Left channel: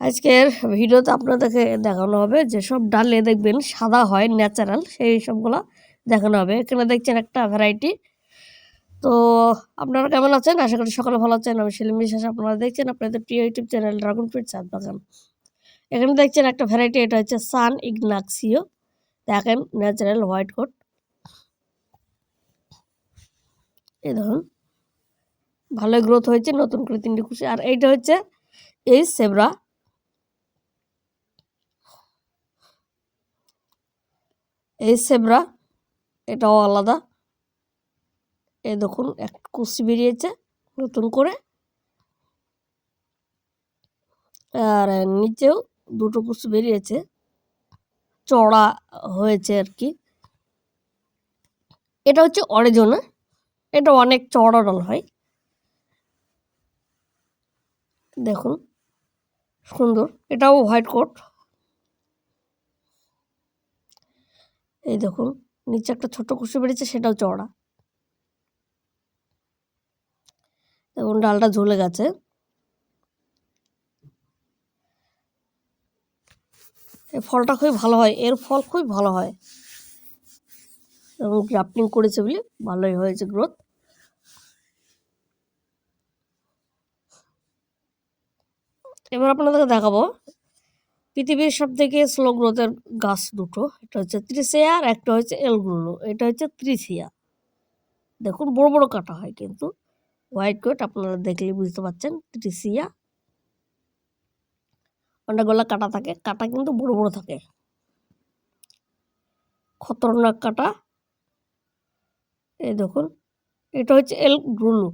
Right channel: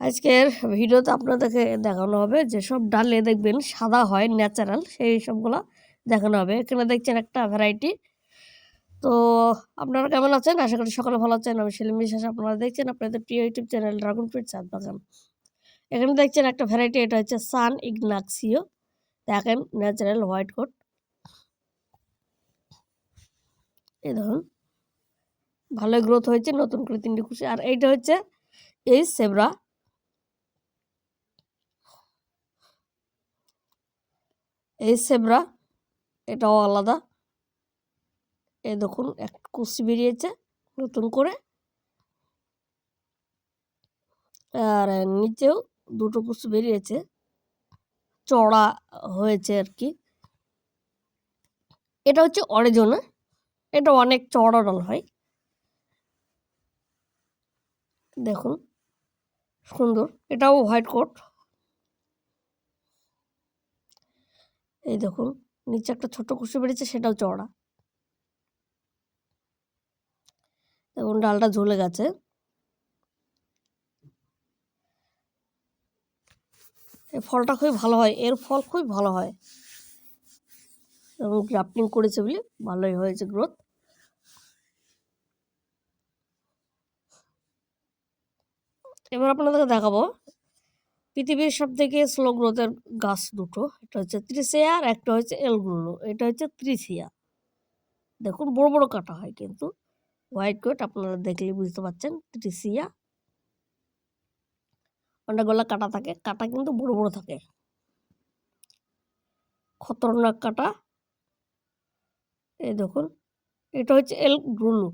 আজকের ভিডিওতে আপনাদেরকে দেখানো হবে যেসব ডালে দেখবেন সাদা হয় ন্যাচারাল সেই সবগুলো দেখানো হবে। এখানে দেখছেন একটা ভ্যারাইটি তো আপনারা কেমন আছেন? আশা করি সকালে ভালো আছেন। আমি সেলিম বিশ্বাস, আপনারা দেখছেন আপনাদের প্রিয় ইউটিউব চ্যানেল ড্রাগন ফ্রুট চাঁদ বাগান এখানে দেখছেন একটা ভ্যারাইটি এটা হচ্ছে সান ইগনাক্সিও দেখেন ন্যাচারাল হোয়াইট কোট এই ধরুন ভালো গ্রোথ হয়েছে, নতুন করে তিনটি খুশি আর এইটা হচ্ছে এই সেবরা এই সেবরা এটাও আলাদা। এ দেখুন, এক কুচি বেরিয়েছে নতুন করে। আর নিচেও দুটো কুচি বেরিয়েছে। চড়া হয়েছে আর কি। এটা হচ্ছে অরেজনা, এটা অনেক চড়া ডাল হয়। দেখুন, সুন্দর। এটাও হোয়াইট কোট। এই দেখুন, নিচে একটা ছোট কুশি বেরিয়েছে, সেটাও চড়া দেখুন, ডালটা ঝুলে গেছে। এই ফলটা খুবই ভালো হয়, এর ফল খুবই ভালো হয়। এবং গ্রাফটিং করেছে বলে ভালোই হয়েছে গ্রোথ এবার আপনাদেরকে দেখাবো পৃথিবীর সব থেকে স্লো গ্রোথের গাছ দুটো এটা হচ্ছে ত্রিশিয়া আর একটা হচ্ছে এলগুলো এটা হচ্ছে ত্রিশিয়া দেখুন, বড় বড় কাটা হয় কিন্তু হোয়াইট কোট আপনারা দেখলে বুঝতে পারছেন ত্রিশিয়া অনেকগুলো কাটা থাকে, কাটা কিন্তু বড় বড় থাকে। খতরনাক কাটা। এই দেখুন, এটা হচ্ছে এল গ্রুলু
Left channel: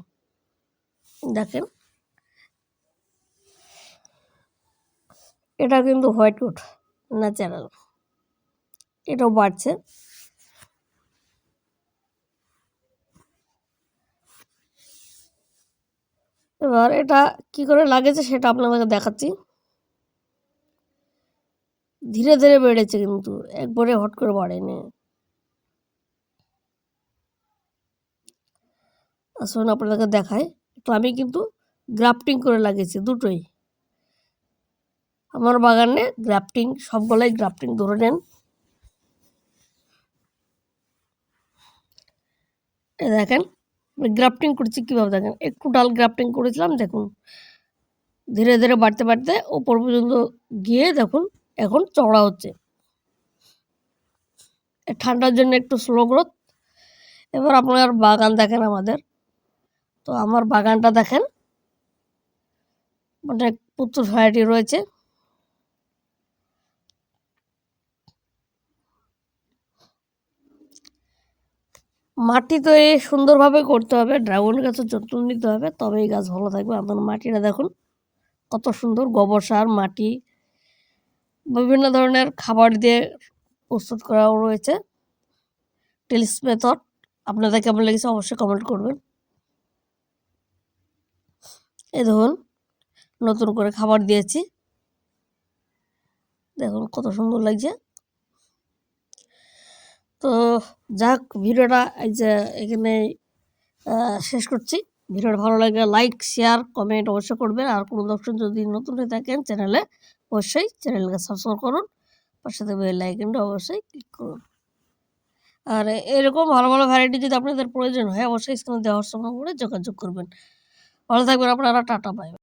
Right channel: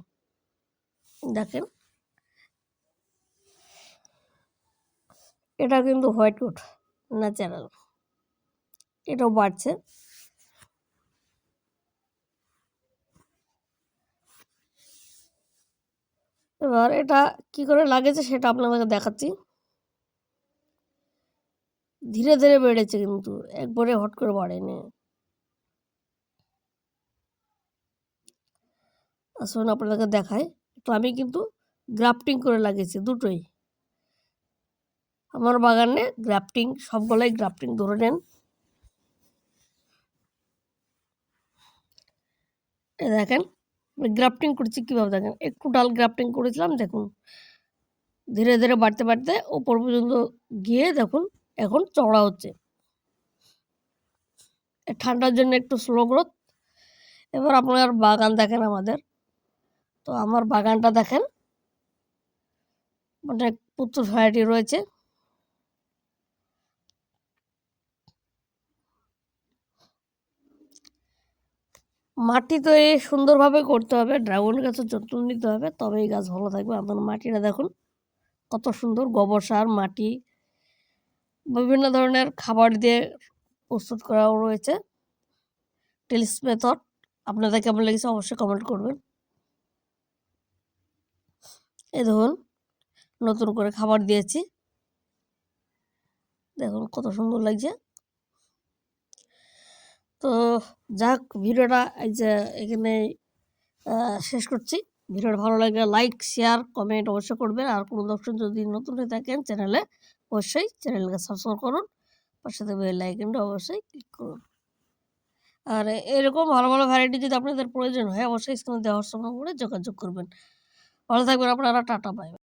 দেখেন এটা কিন্তু হোয়াইট কোট ন্যাচারাল এটাও বাড়ছে। এবার এটা কি করে লাগেছে সেটা আপনাদেরকে দেখাচ্ছি। ধীরে ধীরে বেড়েছে কিন্তু, একবারে হট করে বাড়েনি। আসুন আপনাদেরকে দেখায় তো আমি কিন্তু গ্রাফটিং করে লাগিয়েছি দুটোই। আমার বাগানে গ্রাফটিং সবগুলাই গ্রাফটিং ধরে নেন। দেখেন গ্রাফটিং করছি কীভাবে দেখেন? একটু ডাল গ্রাফটিং করেছিলাম, দেখুন। ধীরে ধীরে বাড়তে বাড়তে ওপর পর্যন্ত গিয়ে দেখুন, এখন চড়া হচ্ছে। ঠান্ডার জন্য একটু স্লো গ্রোথ এবার আপনার বাগান দেখেন আমাদের। তো আমার বাগানটা দেখেন, অনেক পুত্র ভ্যারাইটি রয়েছে। মাটি তৈরি সুন্দরভাবে করতে হবে ড্রাগন গাছের যত্ন নিতে হবে তবে এই গাছ ভালো থাকবে। আপনার মাটিটা দেখুন, কত সুন্দর গোবর সার, মাটি, বিভিন্ন ধরনের খাবার দিয়ে প্রস্তুত করাও রয়েছে। টেলিস মেথড আপনাদের কেমন লেগেছে অবশ্যই কমেন্ট করবেন। এই ধরুন নতুন করে খাবার দিয়েছি। দেখুন কত সুন্দর লাগছে। তো যাক, ভিডিওটা এই যে এখানে শেষ করছি। ভিডিওটা ভালো লাগলে লাইক শেয়ার কমেন্ট অবশ্যই করবেন। আর কোনো দর্শক যদি নতুন হয়ে থাকেন চ্যানেলে, অবশ্যই চ্যানেলকে সাবস্ক্রাইব করুন। পাশে বেল আইকনটা অবশ্যই ক্লিক করুন। আর এরকম ভালো ভালো ভ্যারাইটি যদি আপনাদের প্রয়োজন হয়, অবশ্যই স্ক্রিনে দেওয়ার সময় করে যোগাযোগ করবেন। ভালো থাকবেন আপনারা, টাটা পাই